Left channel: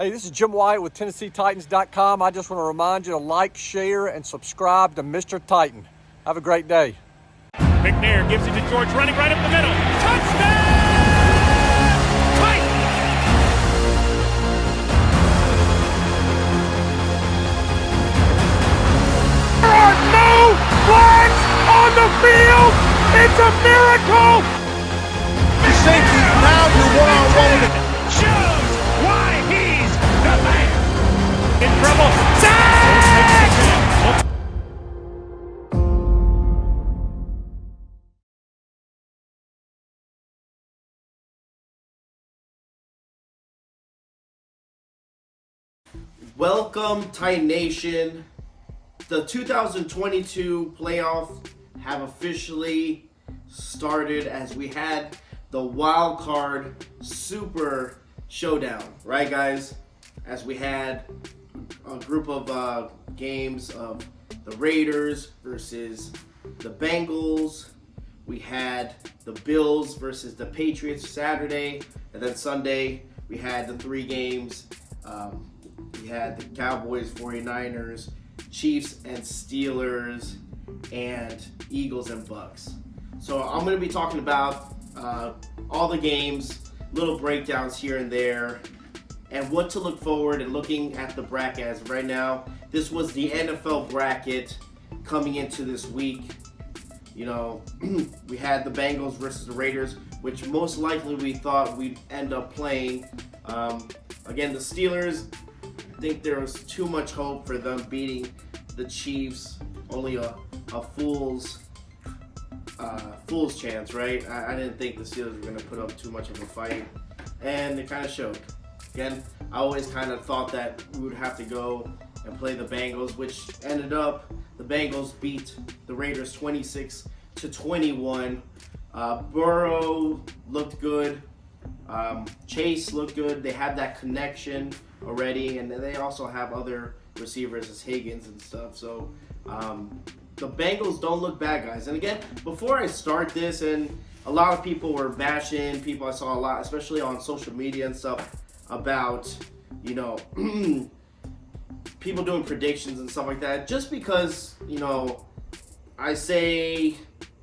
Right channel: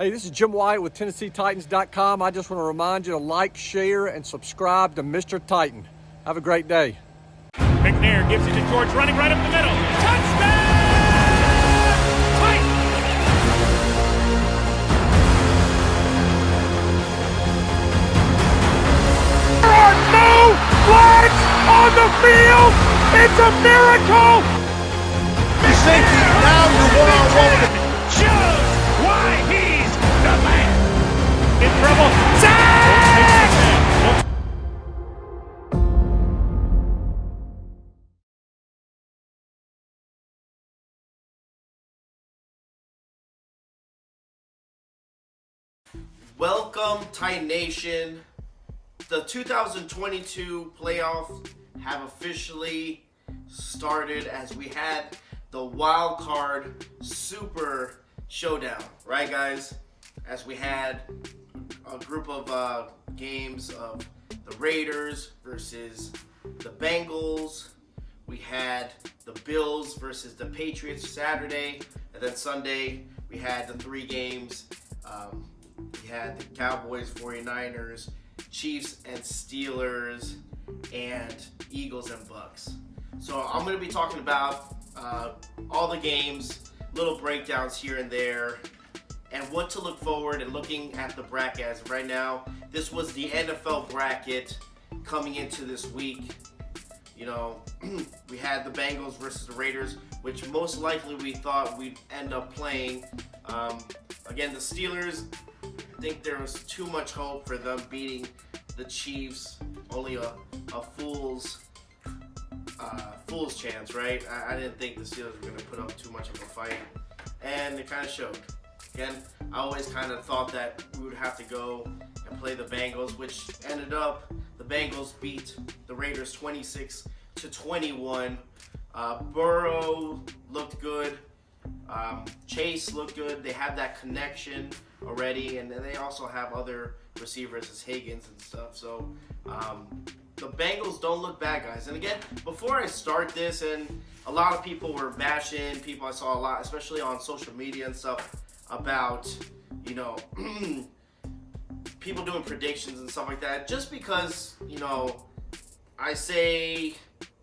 Hey, this is Jim White with TennesseeTitans.com. I just want to remind you to like, share, and subscribe to Mr. Titan. Have a great day. McNair gives it to George, running right up the middle. Touchdown! Titans! There are no flags on the field! It's a miracle! Your safety, now you're one-on-one with it. Shows why he's the man! In trouble. Sack! Welcome, Titan Nation. The 2022 playoffs have officially started as we had the wild card super showdown, right, guys? As we had a group of games of the Raiders versus the Bengals. We had the Bills versus the Patriots Saturday, and then Sunday we had the three games. We had the Cowboys, 49ers, Chiefs and Steelers, and Eagles and Bucks. So I'm going to be talking about all the games, little breakdowns here and there, and what to look forward and looking at the bracket as of right now. This was the NFL bracket coming into this week. You know, we had the Bengals versus the Raiders, which most likely we thought we'd end up playing. Again, the Steelers, I think there was too much hope for them beating the Chiefs. Only a fool's chance, right? I didn't think the Steelers were going to put up too much of a fight, and it kind of showed. Again, I always kind of thought that we would have to go and play the Bengals, which ended up the Bengals beat the Raiders 26-21. Burrow looked good. Chase looked good. They have that connection already, and they also have other receivers as Higgins and stuff. So the Bengals don't look bad, guys. And again, before I start this, and a lot of people were bashing, people I saw a lot, especially on social media and stuff, about, you know, people doing predictions and stuff like that. Just because, you know, I say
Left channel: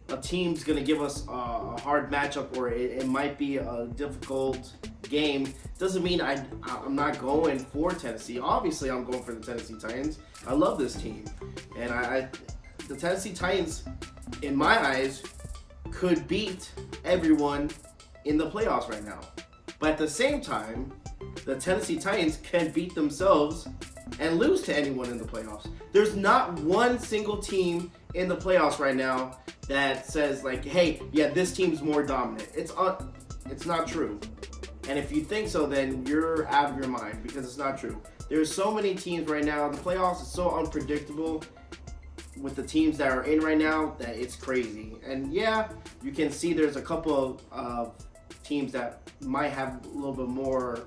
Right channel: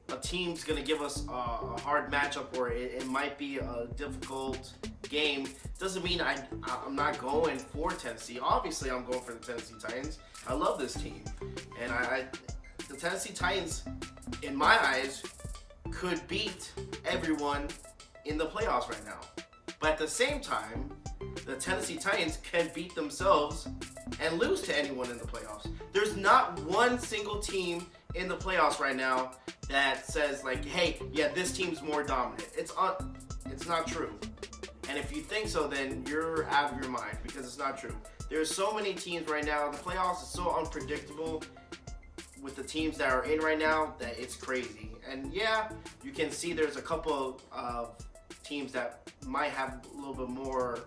a team's going to give us a hard matchup, or it might be a difficult game, doesn't mean I'm not going for Tennessee. Obviously, I'm going for the Tennessee Titans. I love this team. And the Tennessee Titans, in my eyes, could beat everyone in the playoffs right now. But at the same time, the Tennessee Titans can beat themselves and lose to anyone in the playoffs. There's not one single team in the playoffs right now that says, like, hey, yeah, this team's more dominant. It's not true. And if you think so, then you're out of your mind, because it's not true. There's so many teams right now. The playoffs is so unpredictable with the teams that are in right now that it's crazy. And yeah, you can see there's a couple of teams that might have a little bit more,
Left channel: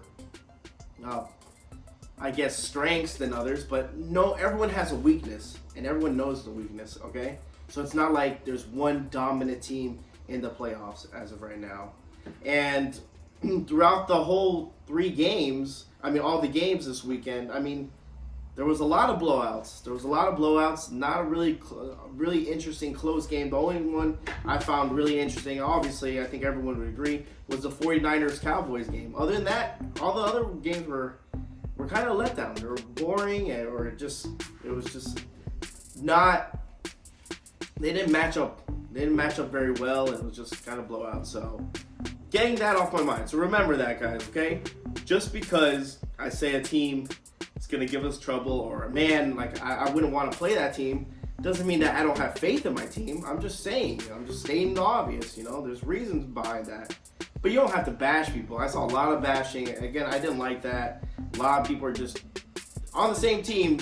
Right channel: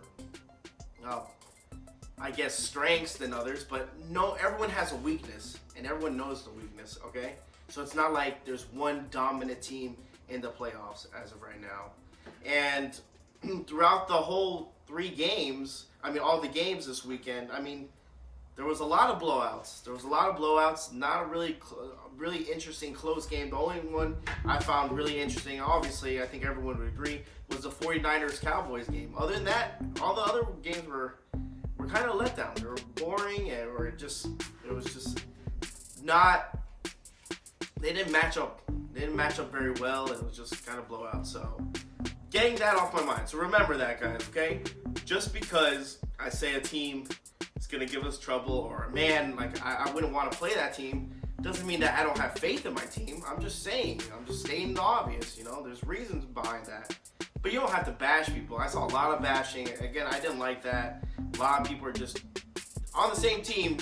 I guess, strengths than others. But no, everyone has a weakness, and everyone knows the weakness, okay? So it's not like there's one dominant team in the playoffs as of right now. And throughout the whole three games, all the games this weekend, there was a lot of blowouts. Not a really interesting close game. The only one I found really interesting, obviously, I think everyone would agree, was the 49ers-Cowboys game. Other than that, all the other games were kind of let down. They were boring, it was just not. They didn't match up. They didn't match up very well. It was just kind of blowout. So, getting that off my mind. So remember that, guys. Okay, just because I say a team is gonna give us trouble, or a man, like I wouldn't want to play that team, doesn't mean that I don't have faith in my team. I'm just saying. I'm just stating the obvious. You know, there's reasons behind that. But you don't have to bash people. I saw a lot of bashing. Again, I didn't like that. A lot of people are just on the same team,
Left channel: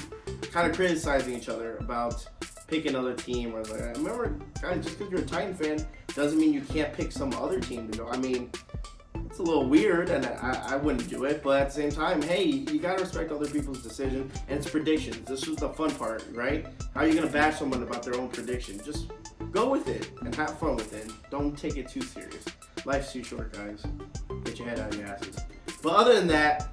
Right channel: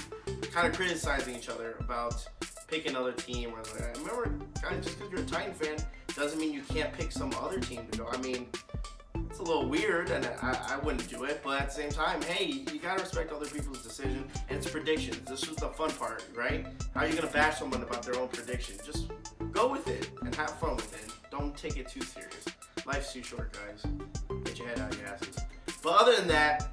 kind of criticizing each other about pick another team. Or like, remember, guys, just because you're a Titan fan doesn't mean you can't pick some other team to go. It's a little weird, and I wouldn't do it. But at the same time, hey, you gotta respect other people's decision, and it's predictions. This was the fun part, right? How are you gonna bash someone about their own prediction? Just go with it and have fun with it. Don't take it too serious. Life's too short, guys. Get your head out of your asses. But other than that,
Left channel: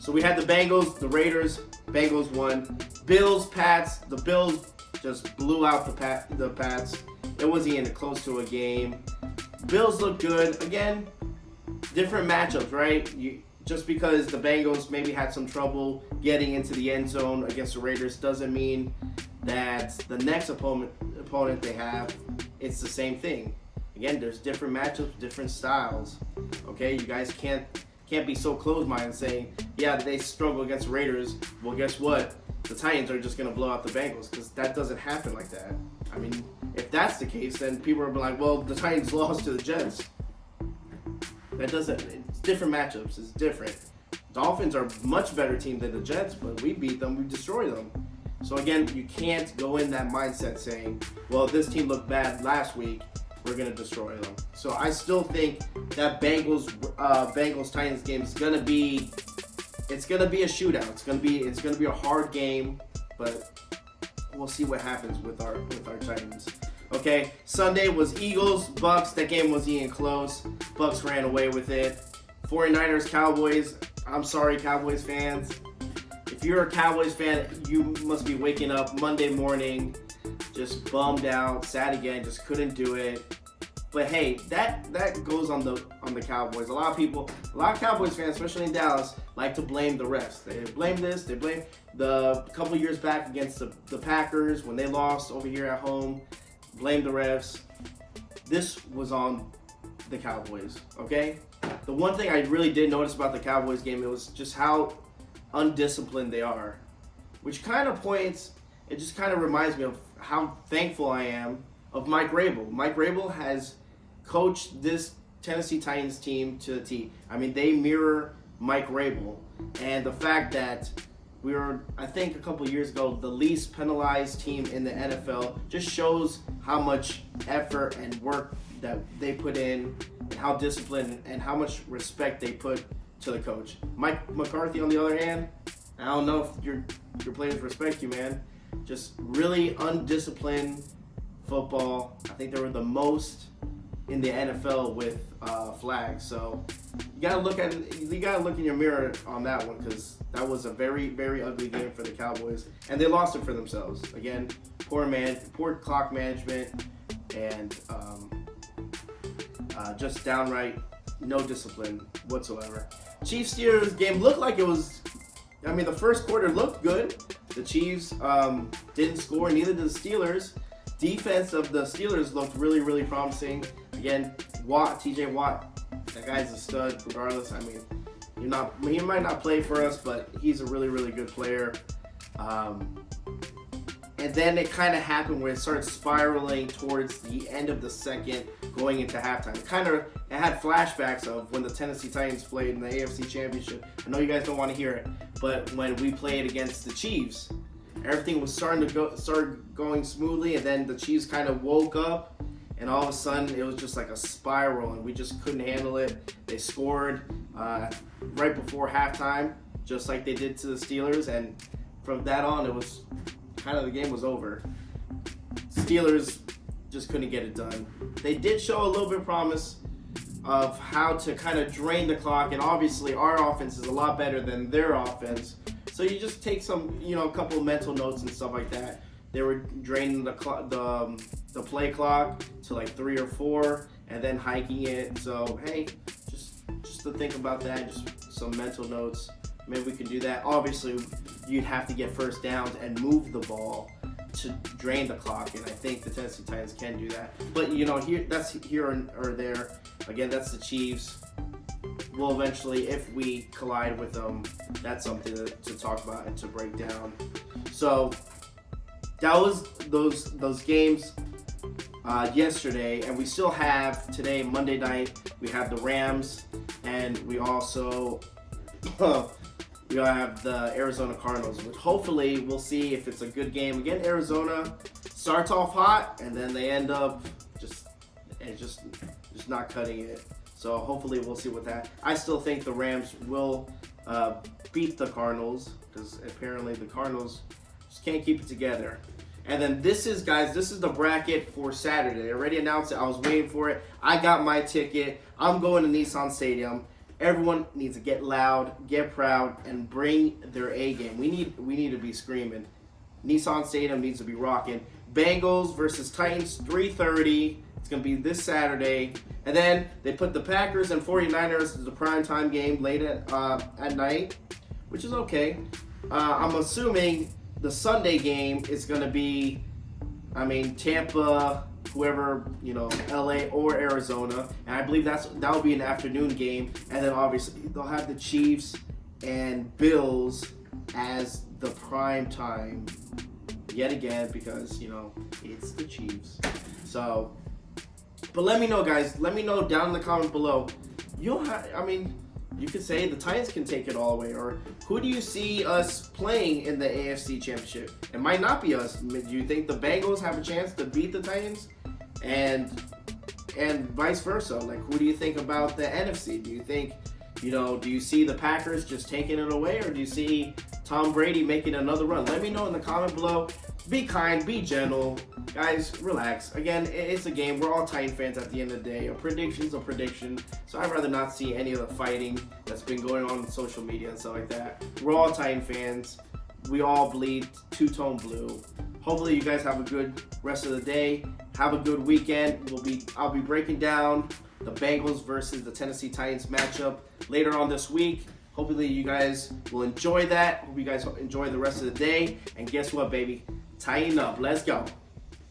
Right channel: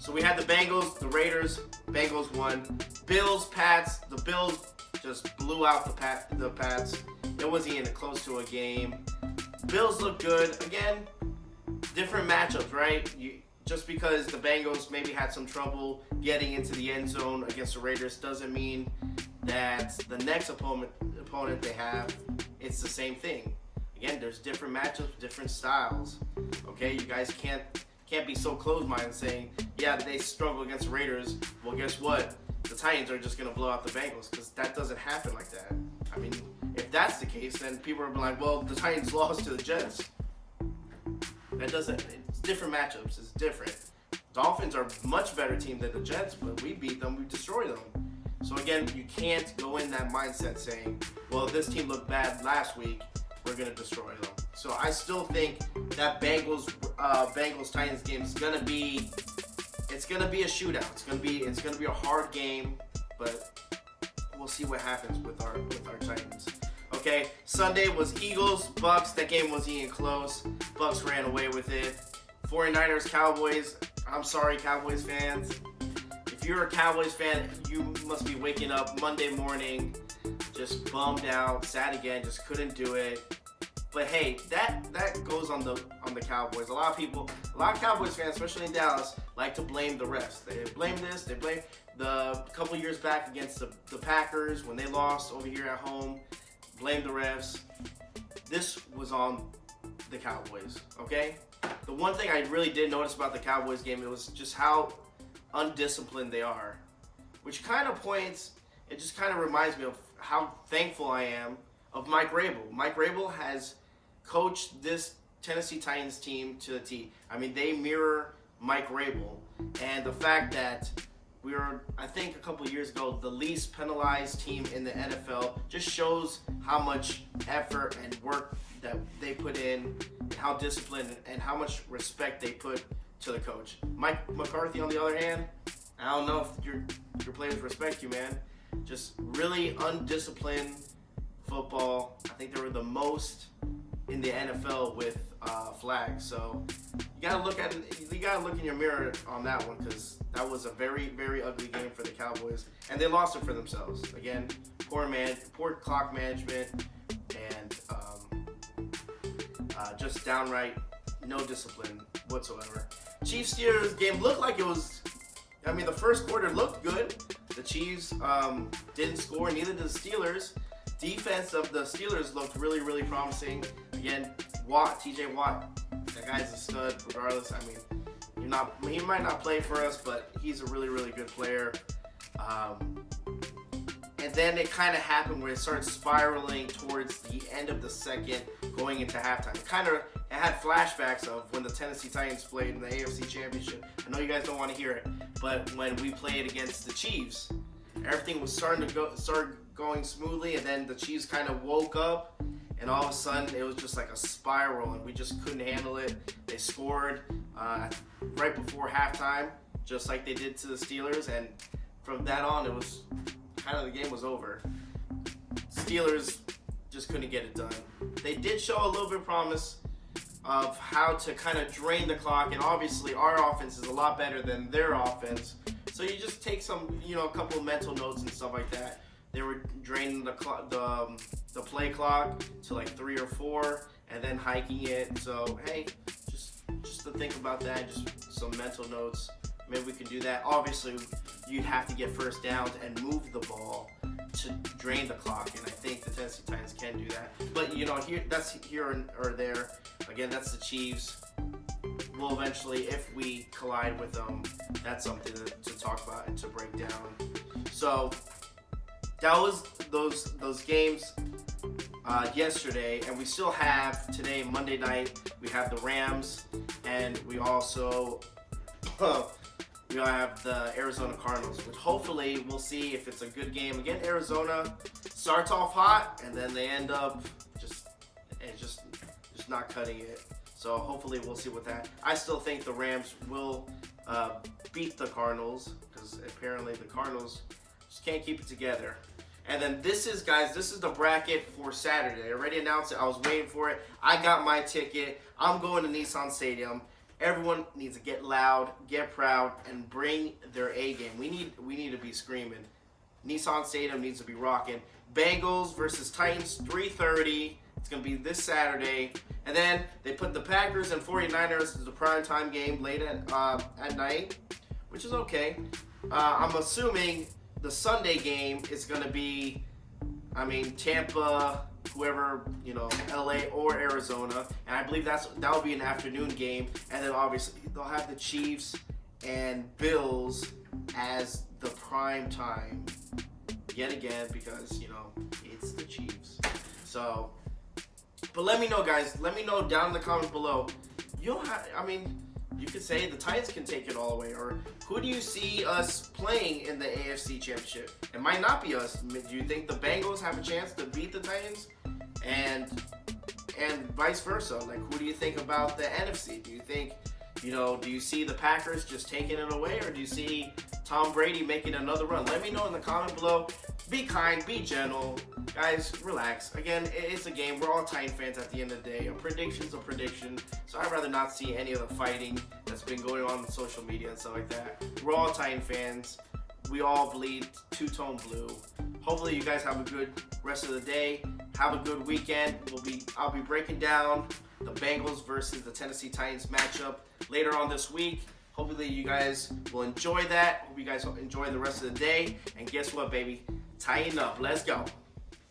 so we had the Bengals, the Raiders. Bengals won. Bills, Pats. The Bills just blew out the Pats. It wasn't even close to a game. Bills look good. Again, different matchups, right? Just because the Bengals maybe had some trouble getting into the end zone against the Raiders doesn't mean that the next opponent they have, it's the same thing. Again, there's different matchups, different styles. Okay, you guys can't be so close-minded saying, yeah, they struggle against the Raiders. Well, guess what? The Titans are just going to blow out the Bengals, because that doesn't happen like that. I mean, if that's the case, then people are like, well, the Titans lost to the Jets. That doesn't, it's different matchups, it's different. Dolphins are a much better team than the Jets, but we beat them, we destroyed them. So again, you can't go in that mindset saying, well, this team looked bad last week, we're going to destroy them. So I still think that Bengals-Titans game is going to be, it's going to be a shootout. It's going to be a hard game, but we'll see what happens with our Titans. Okay, Sunday was Eagles, Bucks. That game wasn't even close. Bucks ran away with it. 49ers, Cowboys. I'm sorry, Cowboys fans. If you're a Cowboys fan, you must be waking up Monday morning just bummed out, sad again, just couldn't do it. But hey, that goes on the Cowboys. A lot of Cowboys fans, especially in Dallas, like to blame the refs. They blame this, they blame the couple years back against the Packers when they lost over here at home. Blame the refs. This was on the Cowboys, okay? The one thing I really did notice about the Cowboys game, it was just how undisciplined they are. Which kind of it just kind of reminds me of how thankful I am of Mike Vrabel. Mike Vrabel has coached this Tennessee Titans team to the T. I mean, they mirror Mike Vrabel. And the fact that we were, I think a couple years ago, the least penalized team in the NFL just shows how much effort and work that they put in, and how disciplined and how much respect they put to the coach. Mike McCarthy, on the other hand, I don't know if your players respect you, man. Just really undisciplined football. I think they were the most in the NFL with flags. So you gotta look in your mirror on that one, because that was a very, very ugly game for the Cowboys, and they lost it for themselves. Again, poor clock management, and just downright no discipline whatsoever. Chiefs-Steelers game looked like it was. I mean, the first quarter looked good. The Chiefs didn't score, neither did the Steelers. Defense of the Steelers looked really, really promising. Again, TJ Watt, that guy's a stud regardless. I mean, he might not play for us, but he's a really, really good player. And then it kind of happened where it started spiraling towards the end of the second, going into halftime. It had flashbacks of when the Tennessee Titans played in the AFC Championship. I know you guys don't want to hear it, but when we played against the Chiefs, everything was started going smoothly, and then the Chiefs kind of woke up, and all of a sudden it was just like a spiral, and we just couldn't handle it. They scored right before halftime, just like they did to the Steelers, and from that on, it was kind of, the game was over. Steelers just couldn't get it done. They did show a little bit of promise of how to kind of drain the clock, and obviously our offense is a lot better than their offense. So you just take some, a couple of mental notes and stuff like that. They were draining the play clock to like 3 or 4, and then hiking it. So hey, just to think about that, just some mental notes. Maybe we can do that. Obviously, you'd have to get first downs and move the ball to drain the clock, and I think the Tennessee Titans can do that. But that's here or there. Again, that's the Chiefs. We'll eventually, if we collide with them, that's something to talk about and to break down. So that was those games yesterday, and we still have today, Monday night. We have the Rams, and we also we have the Arizona Cardinals, which hopefully we'll see if it's a good game. Again, Arizona starts off hot, and then they end up just not cutting it. So hopefully we'll see with that. I still think the Rams will beat the Cardinals, because apparently the Cardinals just can't keep it together. And then this is the bracket for Saturday. I already announced it. I was waiting for it. I got my ticket. I'm going to Nissan Stadium. Everyone needs to get loud, get proud, and bring their A game. We need to be screaming. Nissan Stadium needs to be rocking. Bengals versus Titans, 3:30. It's going to be this Saturday. And then they put the Packers and 49ers as the primetime game late at night, which is okay. I'm assuming the Sunday game is going to be, Tampa, whoever, LA or Arizona. And I believe that will be an afternoon game. And then obviously they'll have the Chiefs and Bills as the prime time yet again because, it's the Chiefs. So, but let me know, guys. Let me know down in the comments below. You could say the Titans can take it all away, or who do you see us playing in the AFC Championship? It might not be us. Do you think the Bengals have a chance to beat the Titans? And vice versa. Like, who do you think about the NFC? Do you think, do you see the Packers just taking it away, or do you see Tom Brady making another run? Let me know in the comment below. Be kind, be gentle. Guys, relax. Again, it's a game. We're all Titan fans at the end of the day. A prediction's a prediction. So I'd rather not see any of the fighting that's been going on social media and stuff like that. We're all Titan fans. We all bleed two-tone blue. Hopefully you guys have a good rest of the day. Have a good weekend. I'll be breaking down the Bengals versus the Tennessee Titans matchup later on this week. Hopefully you guys will enjoy that. Hope you guys enjoy the rest of the day. And guess what, baby? Tighten up. Let's go.